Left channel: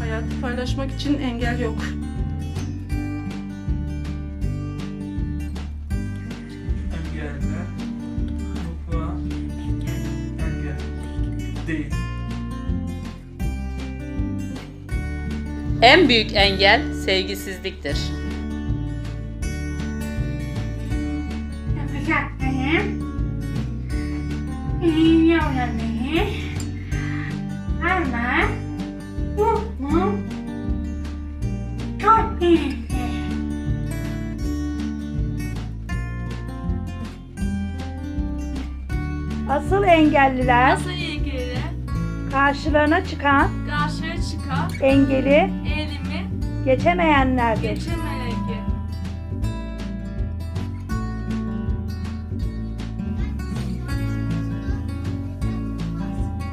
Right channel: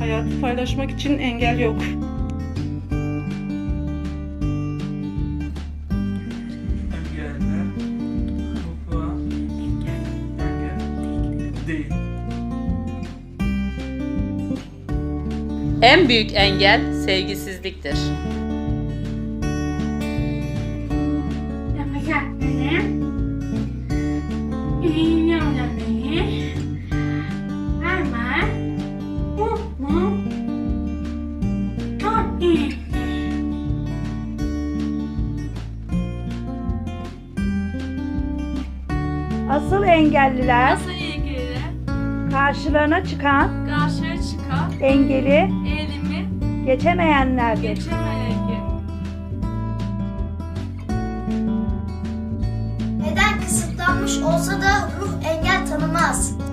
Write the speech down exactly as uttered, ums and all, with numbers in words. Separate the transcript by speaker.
Speaker 1: Hayatı paylaşmak için engel yok.
Speaker 2: Engeller. Mutfağa. Engel. Değil.
Speaker 3: En büyük engel sevgisizliktir.
Speaker 4: Yapacaklarım. İnanıyorum beni. Ama bu bu çok iyi.
Speaker 5: Asıl engelliler
Speaker 6: Nasıl ilgili
Speaker 5: karşılarına çıkan
Speaker 6: karşıya çıkan
Speaker 5: engeli
Speaker 6: elimi
Speaker 5: geçemeyenlerdir.
Speaker 6: geçemeyecek.
Speaker 7: Beden kısıtlanmış olsa da ruh engel tanımaz.